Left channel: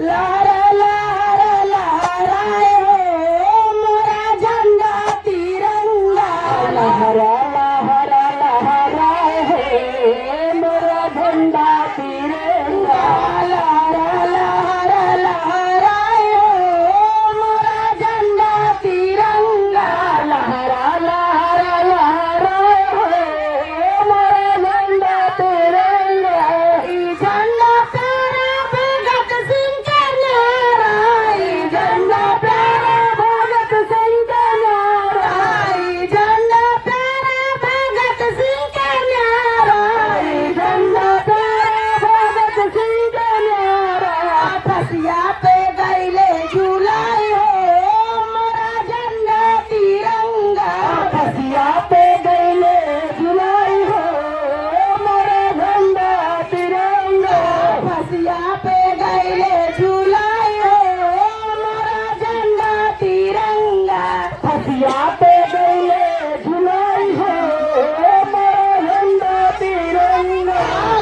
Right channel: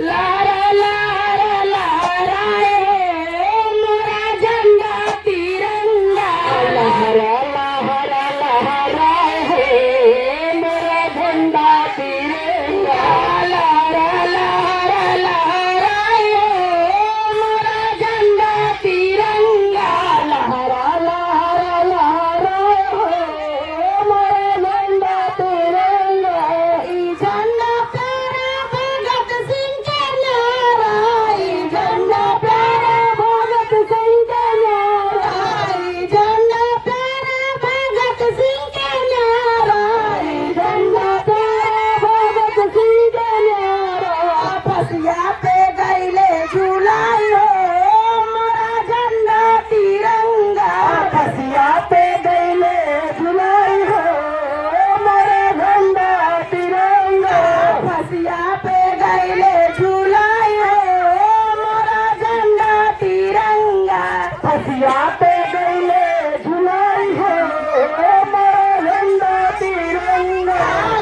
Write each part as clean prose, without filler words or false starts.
लहरा लहरा लहराए हो मोरा झंडा तिरंगा। लहरा लहरा लहराए हो मोरा झंडा तिरंगा। लहरा लहरा लहराए हो मोरा झंडा तिरंगा। लहरा लहरा लहराए हो मोरा झंडा तिरंगा। ई झंडा प्यारा भगत सिंह का नारा। ई झंडा प्यारा भगत सिंह का नारा। ई झंडा प्यारा भगत सिंह का नारा। ई झंडा प्यारा भगत सिंह का नारा। फसिया पे गईले झुलाई हो मोरा झंडा तिरंगा। फसिया पे गईले झुलाई हो मोरा झंडा तिरंगा। फसिया पे गईले झुलाई हो मोरा झंडा तिरंगा। फसिया पे गईले झुलाई हो मोरा झंडा तिरंगा।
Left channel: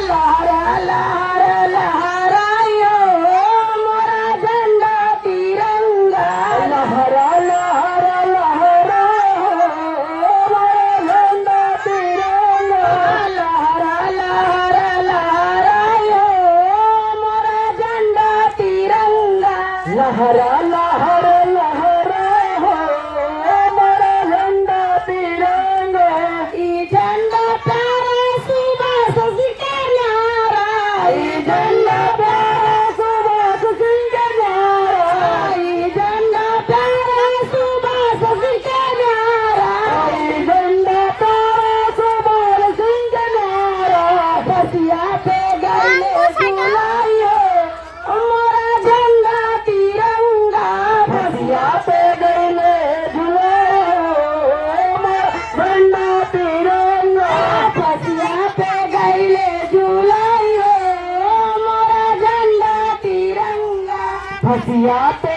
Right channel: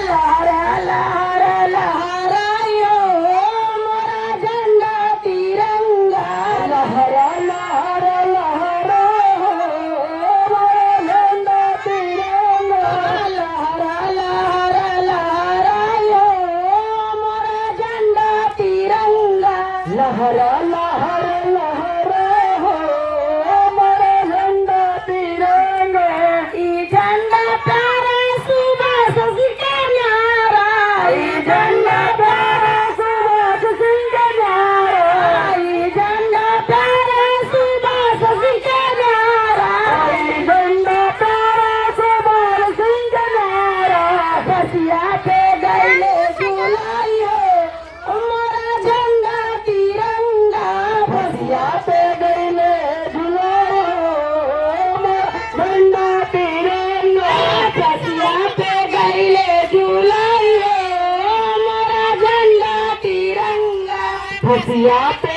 लहरा लहरा लहरायो मोरा झंडा तिरंगा। लहरा लहरा लहरायो मोरा झंडा तिरंगा। लहरा लहरा लहरायो मोरा झंडा तिरंगा। लहरा लहरा लहरायो मोरा झंडा तिरंगा। ई झंडा प्यारा सुभाष सिंह का नारा। ई झंडा प्यारा सुभाष सिंह का नारा। ई झंडा प्यारा सुभाष सिंह का नारा। ई झंडा प्यारा सुभाष सिंह का नारा। फसिया पे गईले झुलाई हो मोरा झंडा तिरंगा। फसिया पे गईले झुलाई हो मोरा झंडा तिरंगा। फसिया पे गईले झुलाई हो मोरा झंडा तिरंगा। फसिया पे